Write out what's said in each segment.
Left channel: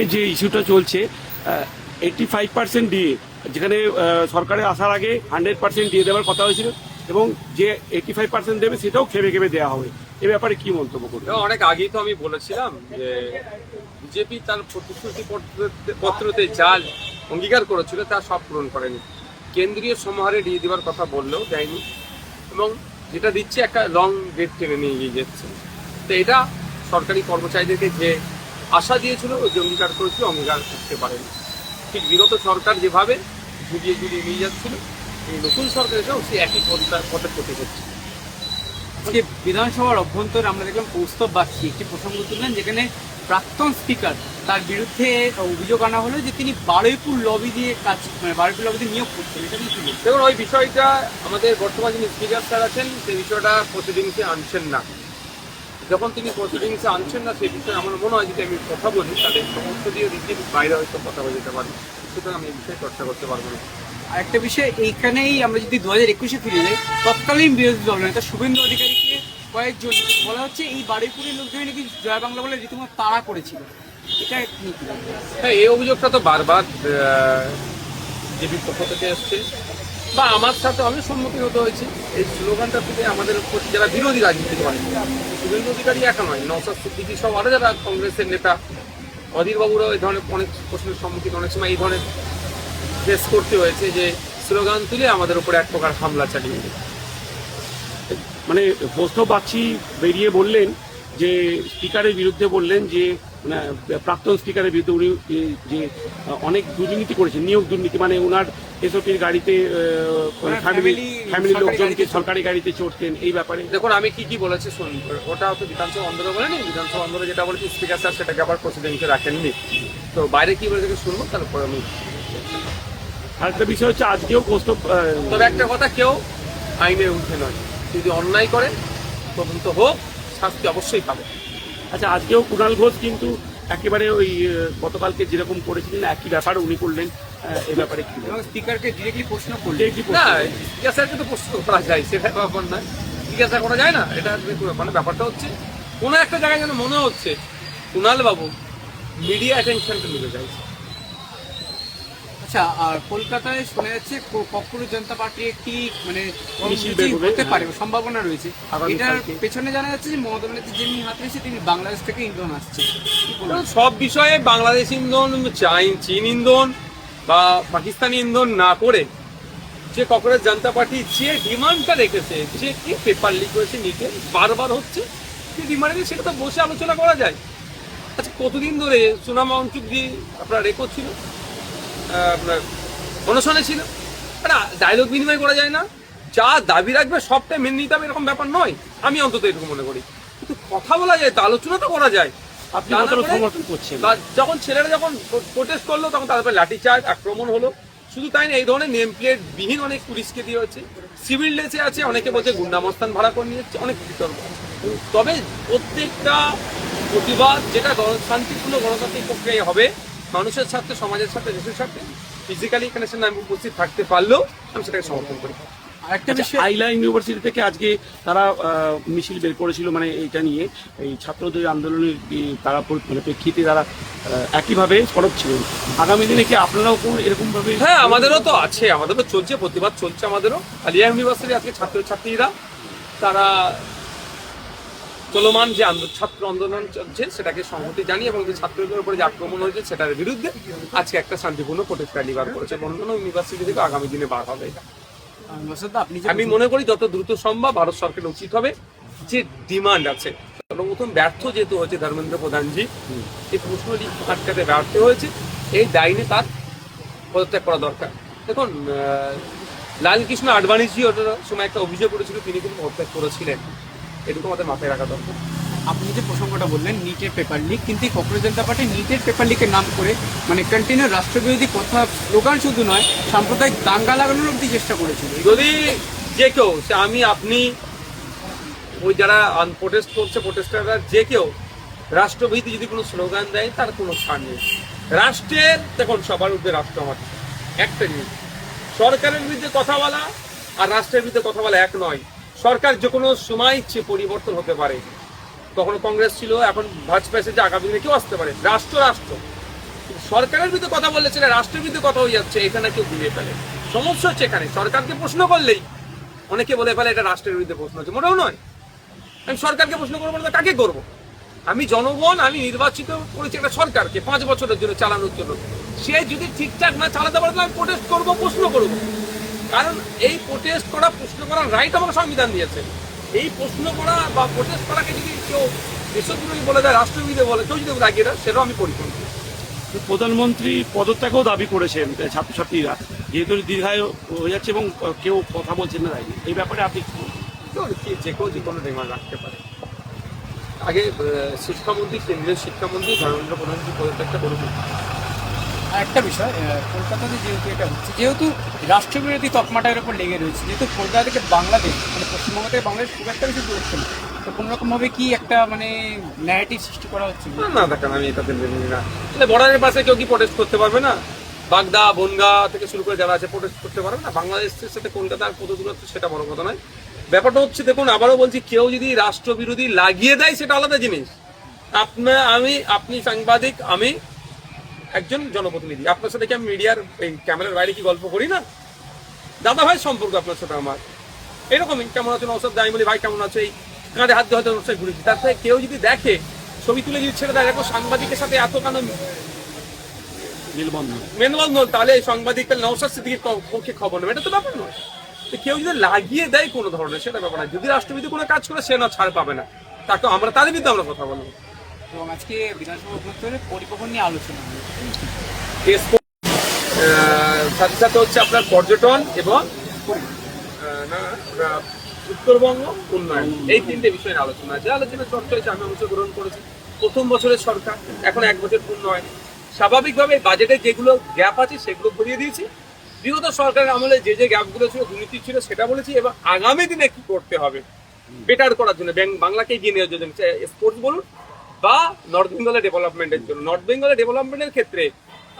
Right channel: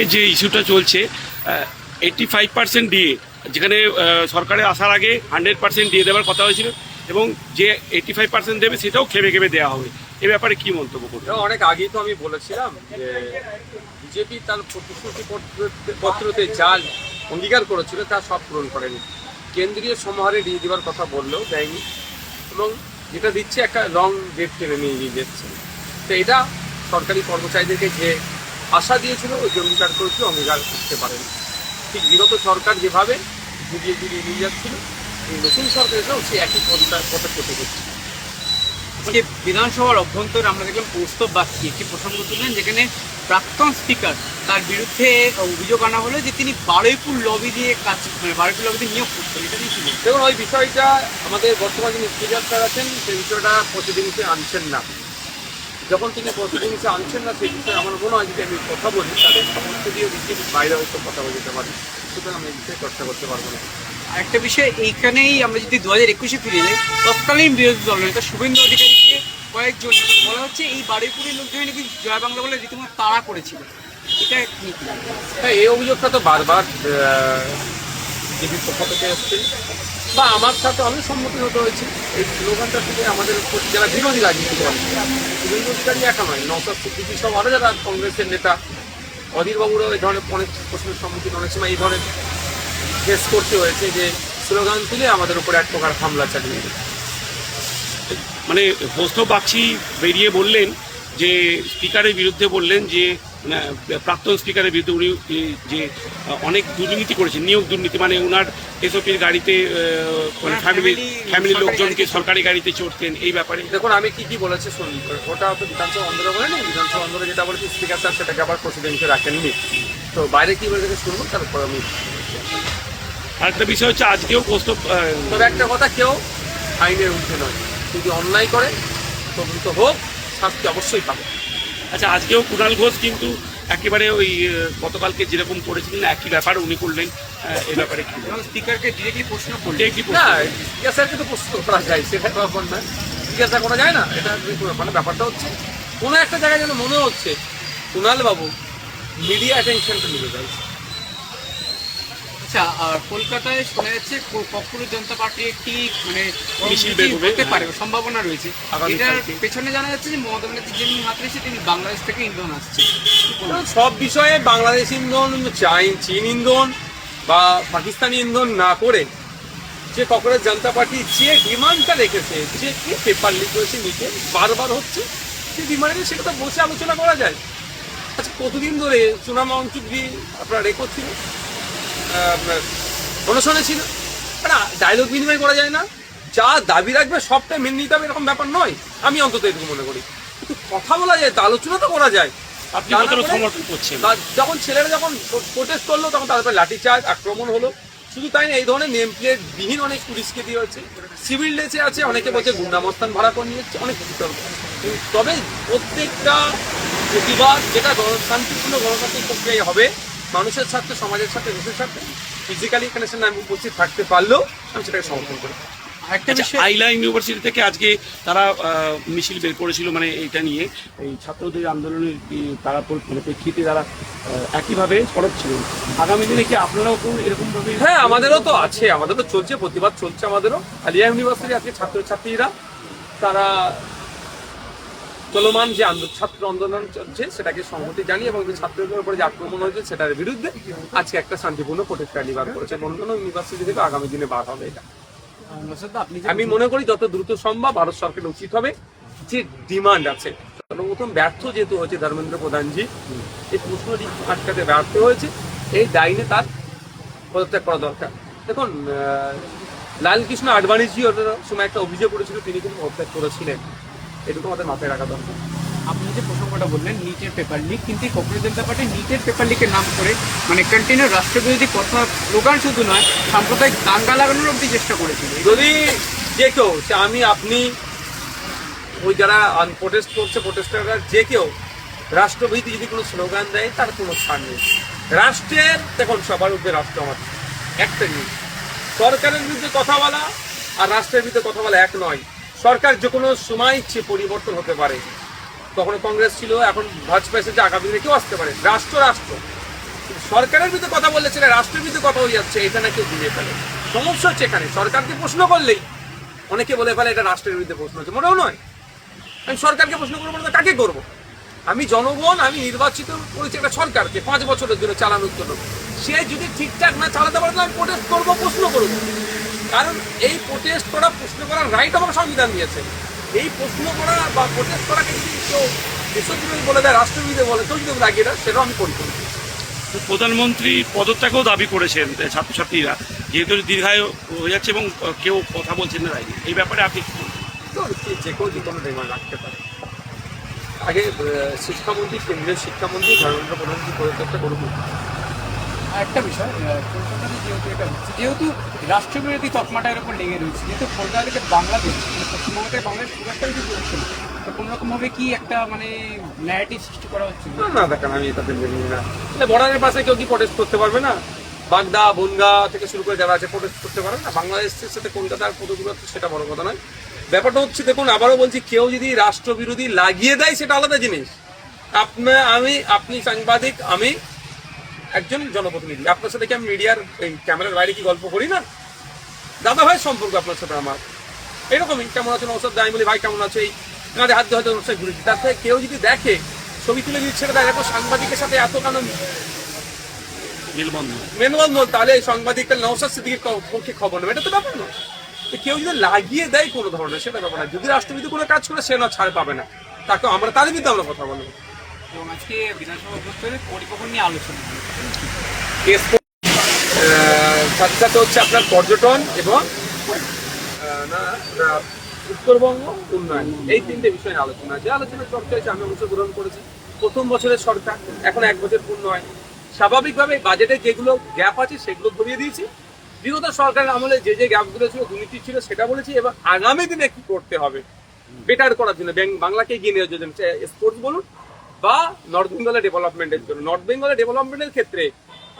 এই যে ইস্যুটা চলছে 85% দিয়ে, যেখানে সরকারে আসার আগে 100% দিয়ে দেওয়ার কথা হয়েছিল, এবং যে 85% দেবে সেটাও খেপে খেপে দেওয়া হবে। এ ব্যাপারে কি মন্তব্য করবে? অনেক আগেই তো আমি বলেছিলাম যে বিজেপি তার প্রতিশ্রুতি পত্রতে যা অঙ্গীকার করেছিল তা সব পূরণ করেনি। কেন্দ্রীয় সমাহারে দিয়ে দেওয়ার কথা বললেও দেয়নি, এবং যেটা দিচ্ছে একটা লং ডেট টেনে নিয়ে গিয়ে যাচ্ছে। তো এটা সরকারি কর্মচারীদেরকে যে আশা দিয়েছিল ওই যে অঙ্গীকার করেছিল, অঙ্গীকার করতে পারেনি। ঠিক বিগত সরকার যেভাবে ঝুলিয়ে ঝুলিয়ে নিয়ে যাচ্ছিল, এই নতুন সরকার এসেও সে একই পথে পথে করছে। আজকে বিধানসভার অভ্যন্তরে আমরা দেখলাম কৌস্তব বাগচি একটি প্রসঙ্গ তুললেন, যেখানে প্রাক্তন স্পিকার তার বিরুদ্ধে অভিযোগ আনা হলো যে তিনি বারুইপুর লবি দিয়ে বারুইপুর লবিতে নিয়োগ করতেন। এটা নিয়ে ছিল দেখুন, ওই বিষয়টা আমাদের বর্তমান যিনি স্পিকার স্যার আছেন সেই বিষয়টা প্রতিদিনকে আনছেন না। যখন তিনি প্রতিদিনকে আনছেন না সেই বিষয়ে আমার মনে হয় যদি আমি কথা বলি তাদের সমস্ত দিয়ে রীতির বাইরে হয়তো কথা বলে যেতে পারি, সুতরাং আমি এই বিষয়ে চর্চা করতে পারবো না। আরেকটা বিষয়, এইখানেই আমরা যদি 2021-এ ফিরে যাই, তৎকালীন বিরোধী দলনেতা শুভেন্দু অধিকারীকে কয়েকজন বলা হচ্ছে এই বারুইপুরের লোকজন নাকি জয় বাংলা বলে রীতিমতো তাড়া করেছিল। এটা নিয়ে কি? হ্যাঁ, এই অভিযোগটা তো বারবার বিজেপির পক্ষ থেকে এসছে, বা আমার সাথে আমি সম্মুখীন হতে হয়েছে। এই স্লোগানটা থেকে আমাদের যারা বিরোধী রাজনীতি করে, শুভেন্দু অধিকারী একা নয়, নওশাদ সিদ্দিকী সব আরও যারা কংগ্রেসের নেতা, অধীরবাবুরাও এই ধরনের অনেক প্রশ্নের সম্মুখীন, অনেক সময় এই ধরনের ফেস করতে হয়েছে যে স্লোগান তুলে আমাদের উপরে এক প্রকার হামলা চালিয়ে দেবে। মানে কৌস্তব বাগচি বেরিয়ে বললেন যে স্পিকারের বিরুদ্ধে বললেন যে প্রাক্তন স্পিকারের বিরুদ্ধে উনি যে অনেক দুর্নীতি করেছেন, নিয়োগ দুর্নীতি, মানে ওনার এসওপির গাড়িতে ফ্যামিলির লোকজনকে সরকারি গাড়িতে চড়তেন। এই ব্যাপারে দেখুন, আমি কি বলেছি শুনুন। ওটা তো বিধানসভা অন্দরে বলেনি, বিধানসভা অন্দরে যেটা বলেছি স্পিকার স্যার সেটাকে আবার প্রেসিডেন্টকে রাখেননি। তো বাইরে কি বলে শুনবো, তারপর আমি। আরেকটা বিষয় হচ্ছে আজকেও কৌস্তব তবে একটা কথা, কেউ আইনের ঊর্ধ্বে নয়, যদি অন্যায় করে তদন্ত হোক, শাস্তি অবশ্যই পাবে। আচ্ছা, আজকেও কুণাল ঘোষ কিন্তু একেবারে ওই গতকালকে যেরকম করেছিলেন একই ব্যাপার উনি করলেন। এই ব্যাপারে কি স্পিকারকে ডিরেক্টলি প্রশ্ন করলেন? না, জিজ্ঞাসাকে তো প্রশ্ন করা যায়, সেটা ব্যাপার না। জিজ্ঞাসা করা যায় না, এটা ব্যাপার না। ব্যাপারটা হচ্ছে কোনো একটা জায়গায় যেন মনে হচ্ছে কুণাল বাবু মিডিয়া অ্যাটেনশনটা নিতে চাইছে। আচ্ছা, আর কলকাতায় শোনা যাচ্ছে ককরোচ জনতা পার্টি একটি মিছিল বের হবে, হতে পারে, সম্ভাবনা রয়েছে। আগামী এটার কালকে। পেছনে জানা যাচ্ছে যে মমতা ব্যানার্জি যিনি হাত রয়েছে তিনি বাংলাদেশ থেকে ইন্ধন আসছে। সব বিষয়ে বাংলাদেশ ইন্ধন, চীন ইন্ধন বা পাকিস্তানি ইন্ধন না করে যে ককরোচ জনতা পার্টি যে ডিমান্ডটা রেখেছে, যে কি পেপার লিক হয়েছে নিচে বারবার হচ্ছে, যে ডিমান্ডে সেটা তো বসে আলোচনা করা যায়। আচ্ছা, কতদিন ধরে সুনামা অঞ্চুকি আপনার রেকর্ড ছিল, আপনার অনশনে ছিল, একটা ডায়লগ বিনিময় করা যায় না? যা দাবি রাখবে সবটাই মেনে নিতে হবে এরকম ব্যাপার নয়, আমি অন্তত এটুকু মনে করি। কিন্তু কথা বলা যায় তো, আলোচনা তো করা যায়। আপনি কতটা সমর্থন করছেন? যখন ছেলেরা যখন প্রোটেস্ট করলো তখন তারপরে লাঠিচার্জ আক্রমণ হলো। শুধু তাই না, এই ধরনের নেম প্লেট বিহীন অনেক পুলিশকে দিয়ে হচ্ছে, সিভিল ড্রেসে আছে, অনেকে বলছে গুন্ডামস্তান ভাড়া করে নিয়ে যাচ্ছে, অনেক বিতর্ক। তবে প্রত্যেকটা প্রতিবাদ যেটা শান্তিপূর্ণ গণতান্ত্রিক প্রক্রিয়ায় হবে, মানুষের স্বার্থে, সমাজের স্বার্থে, দেশের স্বার্থে, ফিজিক্যালি এখানে আমি উপস্থিত থাকতে পারলেও আমি সেটাকে সমর্থন করি। আরেকটা বিষয়, আইলা ইউনিভার্সিটি থেকে আজকে তারা মিছিল বের করেছিল, মানে এইটা নিয়ে এই ছাত্রদের আন্দোলনের তারা প্রেক্ষিতে তারা একইভাবে সরব ছিলেন। আগামী দিনে কি আপনারাও এরকম ভাবে? হ্যাঁ, আমাদেরও তো আছে, আমাদেরও চলছে, প্রতিবাদ চলছে আমাদেরও। আলিয়া ইউনিভার্সিটি আজকে ছাত্রছাত্রীরা তারা চলমান যে ছাত্র আন্দোলন চলছে সেটাকে সংহতি জানিয়ে এবং যে ছাত্রদের উপরে যে আক্রমণ হয়েছে সেটার বিরুদ্ধে আজকে একটা শান্তিপূর্ণ প্রোটেস্ট র্যালি বার করেছে। অন্যান্য ইউনিভার্সিটি থেকে আগামী দিনে বার হবে। এটা আপনি আমি মনে করি যত দ্রুত সম্ভব ভারত সরকারের উচিত হবে যে ডিমান্ড আছে, সর্বপ্রথম ব্যর্থ যেহেতু হয়েছে ধর্মেন্দ্র প্রধানজি, এই প্রশ্নটি আটকাতে ব্যর্থ হয়েছে, এই দায়নে তার পদত্যাগ করা দরকার। দেখুন, লালকৃষ্ণ আডবাণীজি ওটার সময় একটা অভিযোগ করেছিল, তিনি কিন্তু পদত্যাগ করেছিলেন, এটুকু আমাদের মাথায় রাখা দরকার। আপনি যে প্রসঙ্গটা বললেন নিটের পেপার লিক, কিন্তু এই ককরোচ জনতা পার্টি নিটের পেপার লিকের নাম করে কন্টিনিউ রাষ্ট্রবিরোধী কথা, স্লোগান শুধু নয়, সাম্প্রদায়িক দাঙ্গা লাগানোর অব্দি চেষ্টা করেছিল। যদি যে কেউ, সে আমি আপনি, ওই যারা প্রোটেস্ট করছে প্রোটেস্টাররা, যে কেউ রাষ্ট্রবিরোধী যদি কোনো স্লোগান দেয় তার কোনো ছাড় নেই। রাষ্ট্রের, দেখুন সবার উপরে রাষ্ট্র আমাদের একটা নিয়ে, সরকারের বিরুদ্ধে কথা বলা আর রাষ্ট্রের বিরুদ্ধে কথা বলা এক নয়। সরকার যে কোনো সময় ইচ্ছে পরিবর্তন হতে পারে, কখনো কংগ্রেস ছিল, এখন ভাজপা এসেছে, আগামী দিনে কেউ আসতে পারে। রাষ্ট্র রাষ্ট্র, সরকারের বিরুদ্ধে কথা বললে সেটা রাষ্ট্রের বিরুদ্ধে কথা হয়ে যাচ্ছে, এখানে কেউ ঘুরিয়ে ফেলে। সমস্যা হচ্ছে এখানে সরকারকে প্রশ্ন করলেই অনেকে বলে ফেলে এটা রাষ্ট্রের বিরুদ্ধে প্রশ্ন হচ্ছে, মোটেও নয়। আমি সরকারকে প্রশ্ন করবো না, কাকে করবো? আমি জনগণ, আমি নির্বাচিত করেছি একটা সরকারকে 5 বছরের জন্য চালানোর জন্য। সে যদি ঠিকঠাক না চালাতে পারে আমি প্রোটেস্ট করবো, প্রশ্ন করবো। কারণ এই প্রোটেস্ট করা, প্রশ্ন করার রাইট আমার সংবিধান দিয়েছে। এই প্রশ্ন করা বা প্রোটেস্ট করাকে যদি কেউ দেশবিরোধী বলে দেয়, রাষ্ট্রবিরোধী বলে, কেউ যদি লাগিয়ে দেয়, সেটাও আমি করি। প্রধানমন্ত্রী পদত্যাগও দাবি করেছেন ছাত্রছাত্রীরা, যেহেতু দীর্ঘায়ু হয়ে যাচ্ছে এবং কেউ কথা বলছেন না রাইনি, এই ব্যাপারে আপনি কি বলবেন? তো যে কেউ যে কোনো ডিমান্ড রাখতে পারে। আগে শিক্ষামন্ত্রী, কেন্দ্রীয় শিক্ষামন্ত্রী, ধর্মেন্দ্র প্রধানমন্ত্রী পদত্যাগটা করুন। একটা বিষয়, কলকাতাতে যেহেতু এটা হচ্ছে, যেহেতু রাষ্ট্রবিরোধী তকমাটার উপর লেগে রয়েছে, যেহেতু কলকাতা থেকে বাংলাদেশ, মানে পশ্চিমবঙ্গ থেকে বাংলাদেশ খুব একটা বেশি পড়ছে না, তো কোনো রকমভাবে কি একটা মানে ন্যারেটিভ সৃষ্টি করা হচ্ছে? না দেখেন, আমি এটাতে মেনে নিই না। বর্ডারের পাশে কেউ কি প্রোটেস্ট করতে পারবে না? বাগদা, বনগা থেকে শুরু করে যারা আছে প্রোটেস্ট করতে পারবে না? বাংলাদেশের সাথে কলকাতার কত দূর হচ্ছে সেটা বড় কথা নয়। ব্যাপারটা হচ্ছে, দেখুন আবারও বলছি, কেউ যদি রাষ্ট্রবিরোধী লাগিয়ে দেয় সেটা আলাদা জিনিস। আপনি সাংবাদিক, আমি একজন জনপ্রতিনিধি, আপনার সাথে কি আমি মিডিয়ার ক্যামেরার বাইরে কি গল্প করি না? দাদা ভাই সম্পর্ক আপনার সাথে আমার এরকমই। কেমন আছেন ওসব আমি বলি ভাই কেমন আছে, এই কাঁধে হাত দিয়ে হয়তো অনুষ্ঠানে ঘুরেছি। তার থেকে কেউ যদি দেখে ছবি তুলে দিচ্ছে, দেখো সাংবাদিকের সাথে এত কেন মেলবন্ধন, তাহলে এই সাংবাদিকটা নওশাদ সিদ্দিকীর পক্ষে খবর নেবে, এটা তো ব্যাপার নয়। তো কেউ যদি লাগিয়ে দেয় কোনো ধরনের, সেটা ব্যাপার না। যদি রাষ্ট্রবিরোধী কোনো কাজ করে, সে না ছাড় পাবে না, তাকে আমরা তার বিরুদ্ধে আমরা কথা বলবো। এবং আজকে বিধানসভা অভ্যন্তরে পরিকল্পনা নিয়ে আলোচনা সাথে সাথে হচ্ছে আপনার পর্যটন এবং উত্তরবঙ্গ উন্নয়ন, এই 3টে বিষয় নিয়ে আলোচনা। যে আলোচনা চর্চা হয়েছে, আমি অংশগ্রহণ করেছি। প্রথম বছরের সরকার, এখন 1 বছর পূর্ণ হয়। স্বাভাবিকভাবে বাজেটে যেগুলো গ্যাপ আছে সেগুলো ভরিয়ে দিয়েছি। বিগত সরকারের আমলে যে যে গ্যাপগুলো ছিল, দুর্নীতি ছিল, সেটা বলেছি। এবং আগামী দিনে কি করতে হবে বেটার করার জন্য, বাংলাকে এগিয়ে নেওয়ার জন্য, স্পোর্টস বলুন বা নর্থ বেঙ্গলের ডেভেলপমেন্টের জন্য। নর্থ বেঙ্গলের ডেভেলপমেন্টের ক্ষেত্রে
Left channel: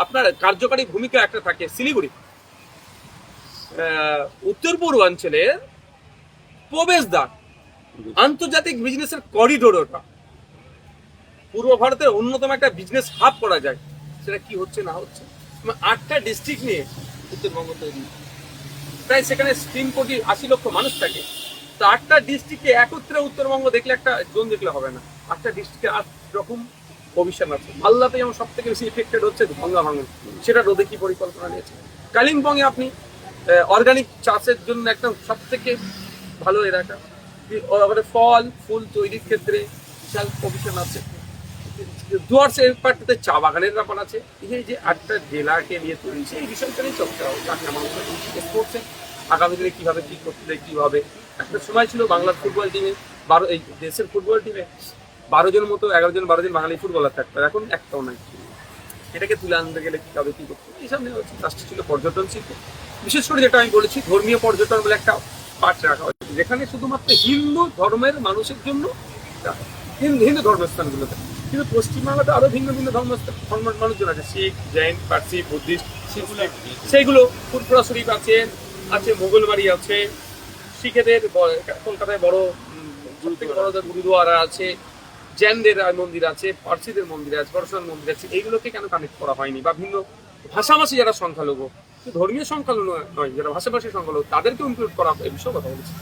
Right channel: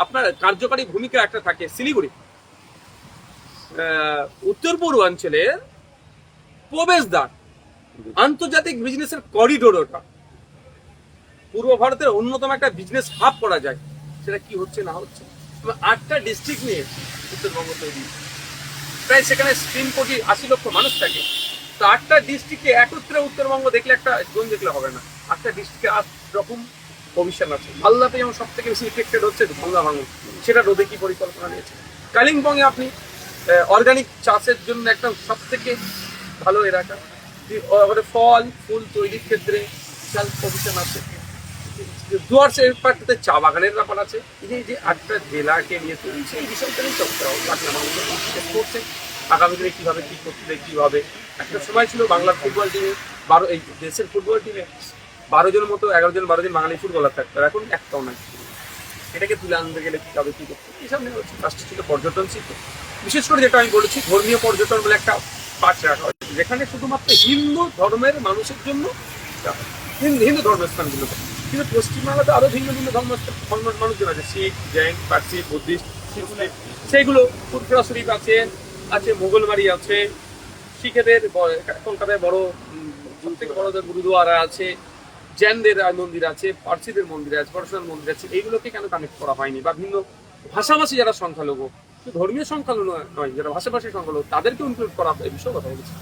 আপনার কার্যকারী ভূমিকা একটা থাকে শিলিগুড়ি। উত্তর পূর্বাঞ্চলের প্রবেশদ্বার, আন্তর্জাতিক বিজনেসের করিডোর, ওটা পূর্ব ভারতের অন্যতম একটা বিজনেস হাব করা যায়। সেটা কি হচ্ছে না হচ্ছে, 8টা ডিস্ট্রিক্ট নিয়ে উত্তরবঙ্গ তৈরি, প্রায় সেখানে 3,80,00,000 মানুষ থাকে। তো 8টা ডিস্ট্রিক্টে একত্রে উত্তরবঙ্গ দেখলে, একটা জোন দেখলে হবে না। 8টা ডিস্ট্রিক্টে 8 রকম কমিশন আছে। মালদাতে যেমন সব থেকে বেশি ইফেক্টেড হচ্ছে গঙ্গা ভাঙন, সেটা রোধে কি পরিকল্পনা নিয়েছে। কালিম্পংয়ে আপনি অর্গানিক চাষের জন্য একটা সব থেকে ভালো এলাকা, ফল ফুল তৈরির ক্ষেত্রে বিশাল কমিশন আছে। ডুয়ার্সের পার্টিতে চা বাগানের ব্যাপার আছে। এই যে 8টা জেলাকে নিয়ে তৈরি, সেই বিষয়টা নিয়ে চর্চা করছে। আগামী দিনে কিভাবে কি করতে, কিভাবে একটা সময় ছিল বাংলার ফুটবল টিমে এই দেশের ফুটবল টিমে 12 জন মতো 11 জন 12 জন বাঙালি ফুটবলার থাকতো, এখন একটাও নাই। এটাকে তুলে আনতে গেলে কিভাবে কি করতে, এইসব নিয়ে হচ্ছে। লাস্টে ছিল পর্যটন শিল্প, বিশেষ করে যেটা আমি বলেছি ধর্মীয় পর্যটন বলে একটা পার্ট রাখা হয়েছে, যেখানে শুধুমাত্র হিন্দু ধর্মের মানুষের জন্য হিন্দু ধর্মস্থানগুলোতে। কিন্তু পশ্চিমবাংলাতে আরো ভিন্ন ভিন্ন ধর্মের মানুষজন আছে, শিখ, জৈন, পার্সি, বুদ্ধিস্ট, সেইগুলো ফুরফুরা শরীফ আছে মোগলবাড়ি আছে, শিখেদের কলকাতায় বড় সব থেকে বড় গুরুদুয়ারা আছে, জৈনদের মন্দির আছে, পার্সিদের মন্দির আছে, পার্সোনাল মন্দির আছে। এইগুলোকে কেন কানেক্ট করা হয়নি? বা ভিন্ন ভাষাভাষী যারা সংখ্যালঘু, ধর্মীয় সংখ্যালঘু নয়, যারা ভাষাভাষী সংখ্যালঘু, তাদেরকে ইনক্লুড করা, এই বিষয়ে কথা বলেছি।